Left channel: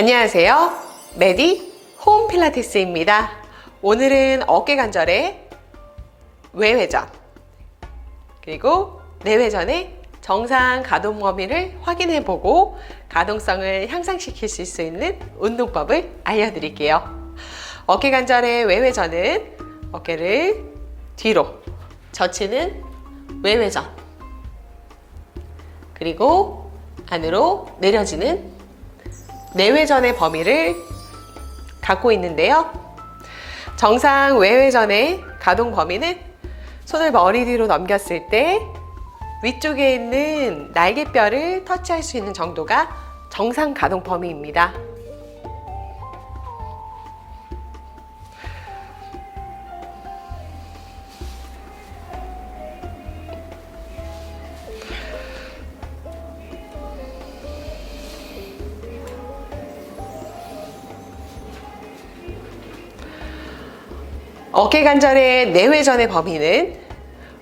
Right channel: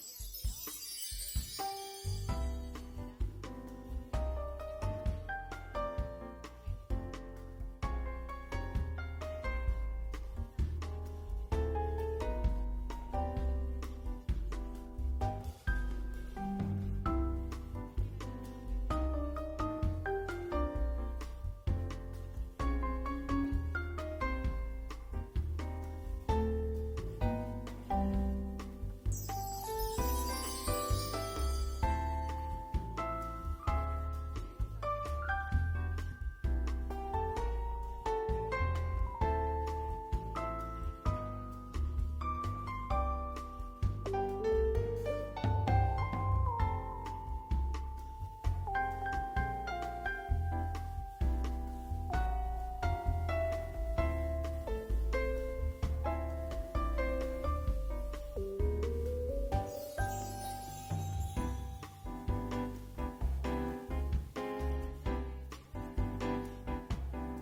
안녕하세요. 메디 홈 필라테스입니다. 오늘은 어깨 관절의 외회전 그리고 내회전의 정상 가동 범위를 확인해 보고 가동성을 향상시킬 수 있는 운동법을 알려드릴게요. 어깨 관절의 외회전은 어깨를 뒤로 젖히는 외회전 그리고 안으로 내려지는 내외전의 범위를 갖고 있는데요. 정상 외외전의 가동 범위는 손을 머리 뒤로 넘겼을 때 위쪽에 있는 날개뼈를 터치할 수 있는 정도가 정상 가동 범위입니다. 어깨 관절의 내외전의 범위는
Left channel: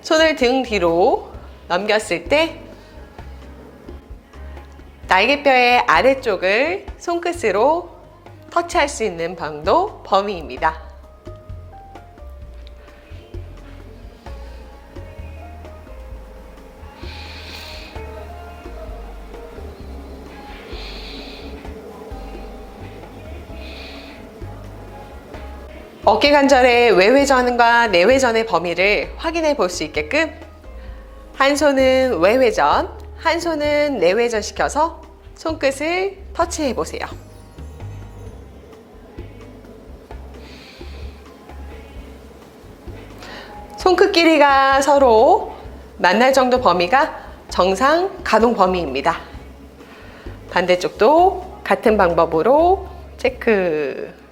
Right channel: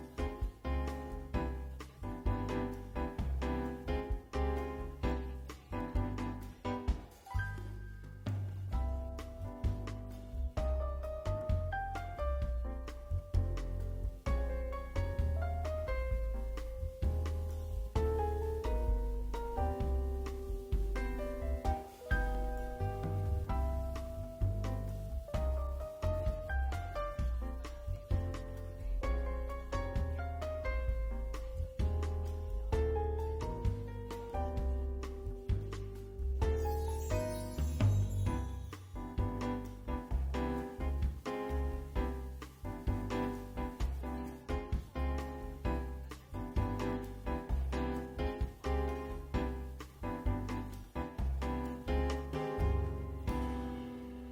손을 등 뒤로 넘겼을 때 날개뼈의 아래쪽을 손끝으로 터치할 수 있는 방도 범위입니다. 어깨 관절의 외회전과 내회전의 범위를 확인해 볼 수 있게끔 한 손은 외회전, 한 손은 내회전 시켜서 손끝을 터치해 보세요. 손끝 길이가 서로 만날 정도 범위가 정상 가동 범위입니다. 반대쪽도 같은 방법으로 체크.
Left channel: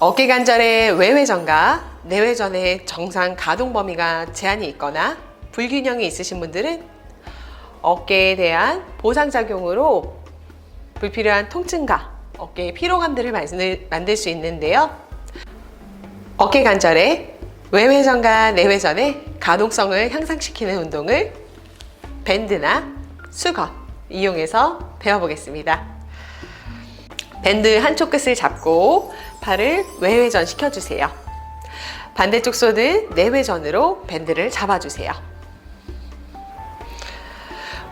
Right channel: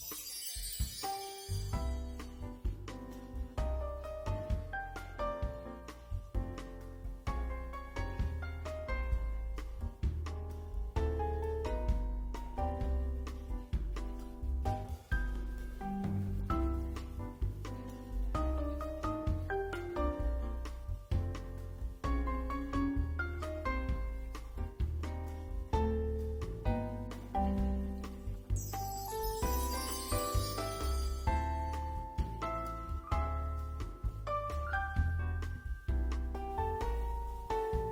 어깨 관절의 외회전과 내회전의 정상 가동 범위가 제한이 있거나 불균형이 있으신 분들은 어깨에 대한 보상작용으로 불필요한 통증과 어깨의 피로감들을 만들- 수 있는데요. 어깨 관절의 외회전과 내회전의 가동성을 향상시키는 운동을 밴드나 수건 이용해서 배워보겠습니다. 밴드 한쪽 끝을 잡고 팔을 외회전 시켜주세요. 반대쪽 손은 내회전으로 밴드를 잡아주세요.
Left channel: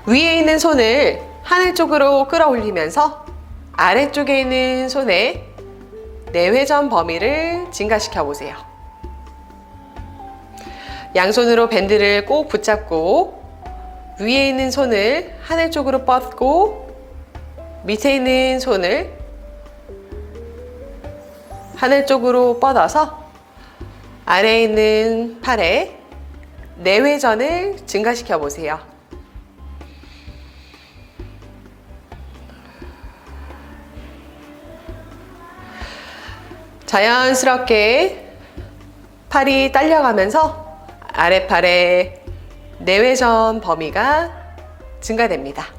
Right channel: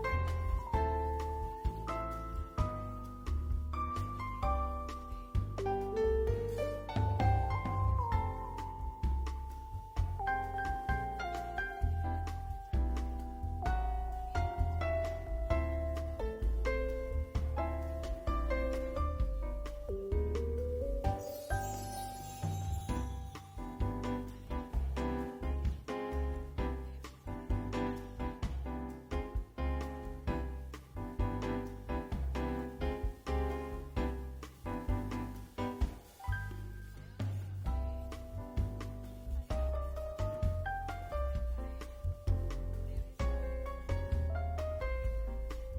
위에 있는 손을 하늘 쪽으로 끌어올리면서 아래쪽에 있는 손의 내회전 범위를 증가시켜 보세요. 양손으로 밴드를 꼭 붙잡고 위에 있는 손을 하늘 쪽으로 뻗고 밑에 있는 손을 하늘 쪽으로 뻗어서 아래에 있는 팔에 내회전을 증가시켜 보세요. 자연스럽게 팔이 딸려가면서 아래팔의 내외전 범위가 증가됩니다.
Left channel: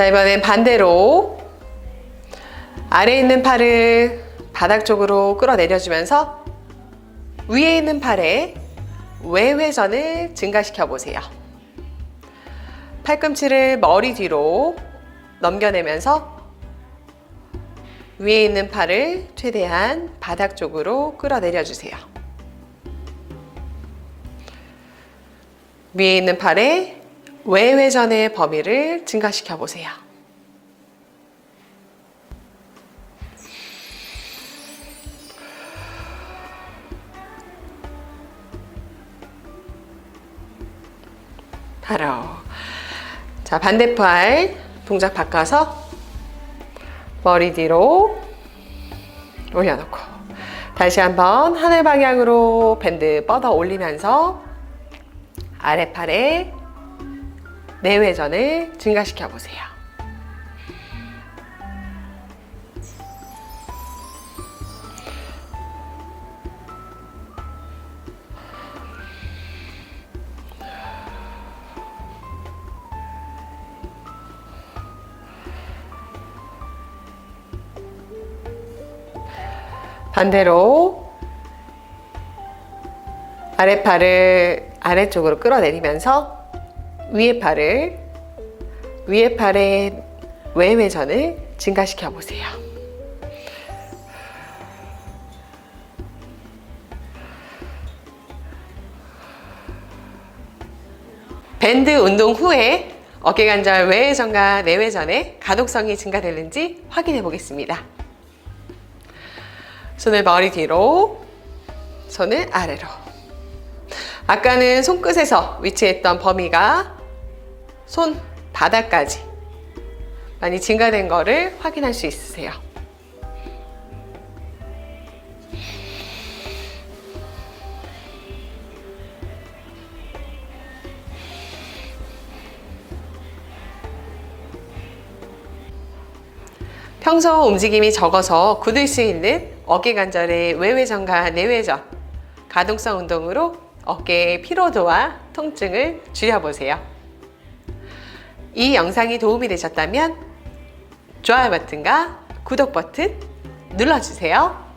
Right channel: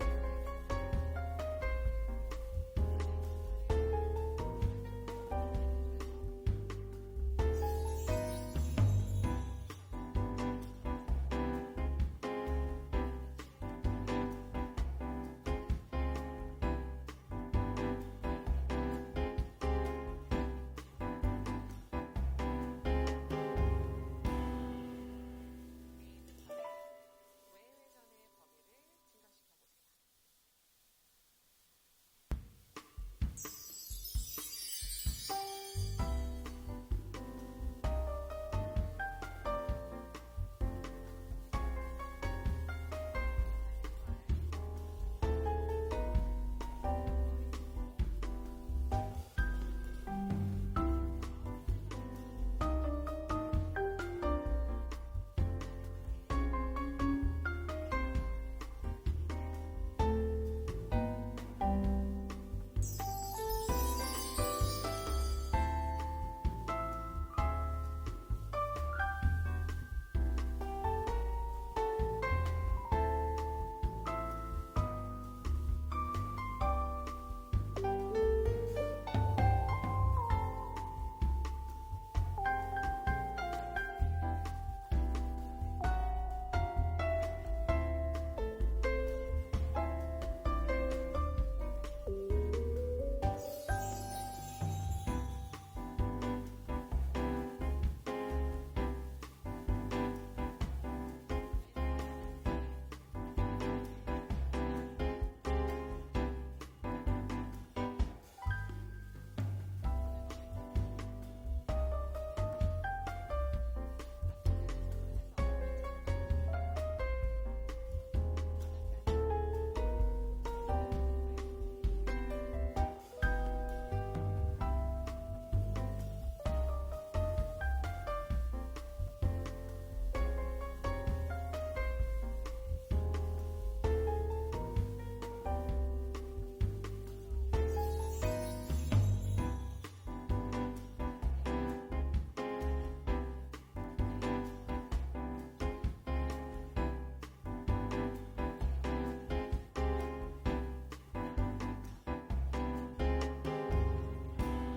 자, 이번엔 반대로 아래에 있는 팔을 바닥 쪽으로 끌어내려주면서 위에 있는 팔에 외회전을 증가시켜 보세요. 팔꿈치를 머리 뒤로 넘겨내면서 위에 있는 팔을 최대한 바닥 쪽으로 끌어내려 주세요. 위에 있는 팔에 외회전의 범위를 증가시켜 보세요. 바로 자 반대팔 동작 바꿔서 머리 뒤로 올려놓고 다시 한번 하늘 방향으로 밴드 뻗어 올리면서 아래팔에 내외전을 증가시켜 보세요. 반대로 아랫팔을 아래쪽으로 끌어내리면서 위에 팔을 위에 팔의 외회전을 증가시켜 보세요. 밴드 운동 후에 어깨 관절 외회전과 내회전의 가독성이 증가되는지 확인해 보겠습니다. 손을 머리 뒤로, 손을 아래로. 아까는 손끝에서 위치했던 범위가 손 바닥까지 많이 증가된 거를 확인할 수 있으세요. 평소 움직임이 적어서 굳을 수 있는 어깨 관절의 외회전과 내회전 가동성 운동으로 어깨의 피로도와 통증을 줄여보세요. 이 영상이 도움이 되셨다면 좋아요 버튼과 구독 버튼 눌러주세요.